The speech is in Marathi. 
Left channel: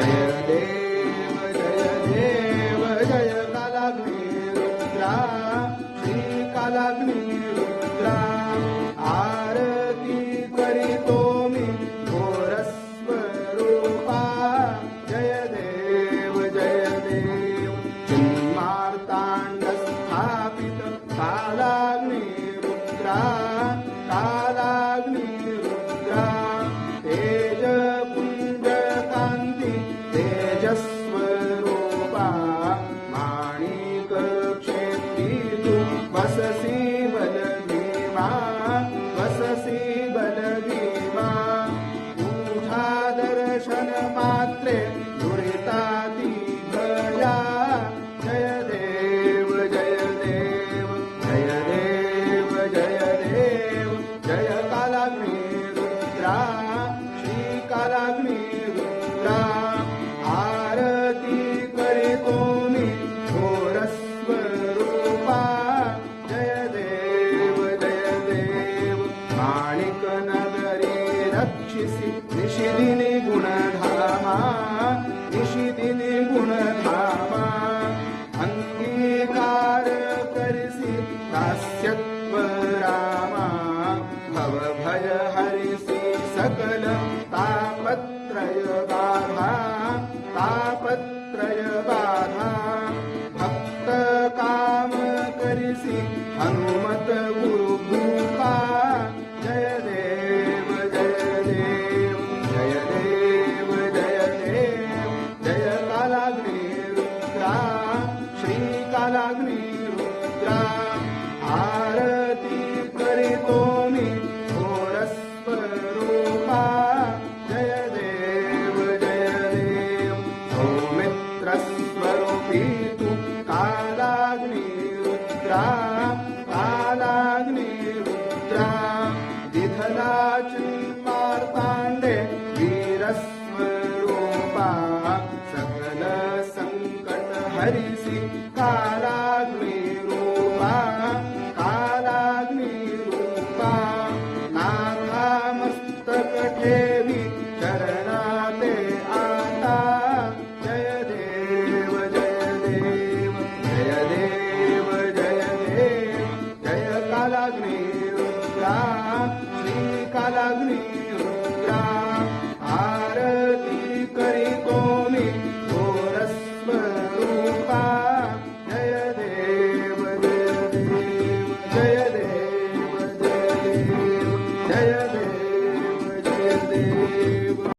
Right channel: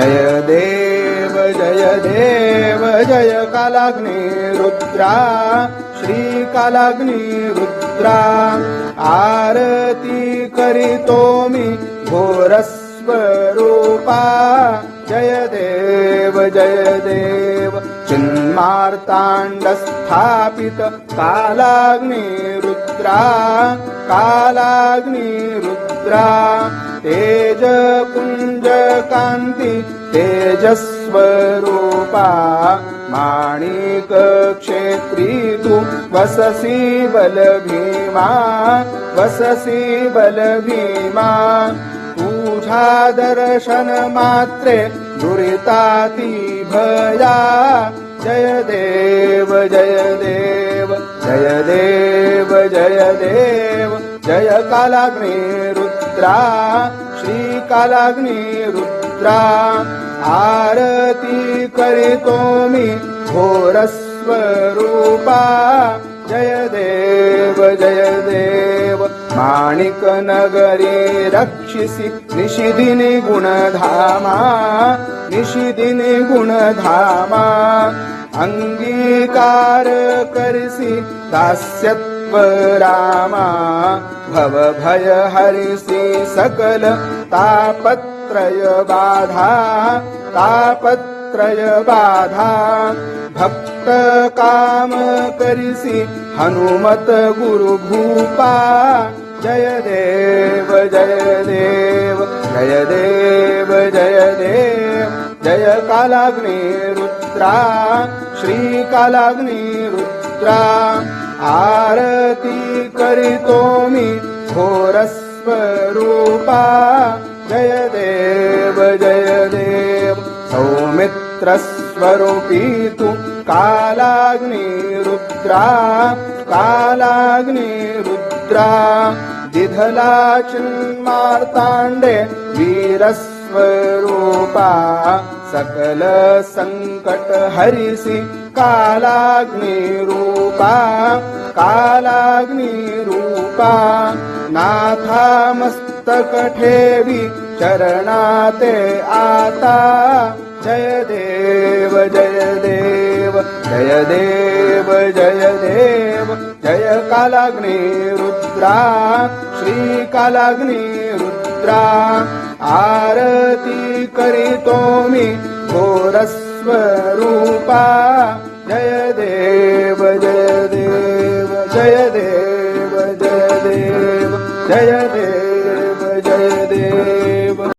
जय देव जय देव जय कालाग्नि रुद्रा श्री कालाग्नि रुद्रा आरती करीतो मी घोर स्वरूपा जय देव चिन्मार्ताण्ड स्थापित कालाग्नि रुद्रा कालाग्नि रुद्रा तेज पुंज कांती तेजस्वरूपा माणिक क्षेत्री तू वससी बलभीमा वससी बलभीमा तुझा दर्शन मात्रे दुरिताती भया जय देव जय देव जय देव जय देव जय कालाग्नि रुद्रा श्री कालाग्नि रुद्रा आरती करीतो मी घोर स्वरूपा जय देव माणिक नगरी रक्षिसी निशिदिनी गुणधामा निशिदिनी गुणधामा अंगीकार करसी दास्यत्व रामा भव भय हरिसी सकल तापत्रय बाधा भक्त काम करिसी हनुमत गुरु भूपा जय देव जय देव जय देव जय देव जय कालाग्नि रुद्रा श्री कालाग्नि रुद्रा आरती करीतो मी घोर स्वरूपा जय देव सौमित्र स्वरूपी तू कालाग्नि रुद्रा कालाग्नि रुद्रा दिधला चिन्मार्ताण्डे वीरस्वरूपा सकल संकट हरिसी कालाग्नि रूपा कालाग्नि रूपा नाथा मस्तक ठेवी चरणाते आता जय देव जय देव जय देव जय देव जय कालाग्नि रुद्रा श्री कालाग्नि रुद्रा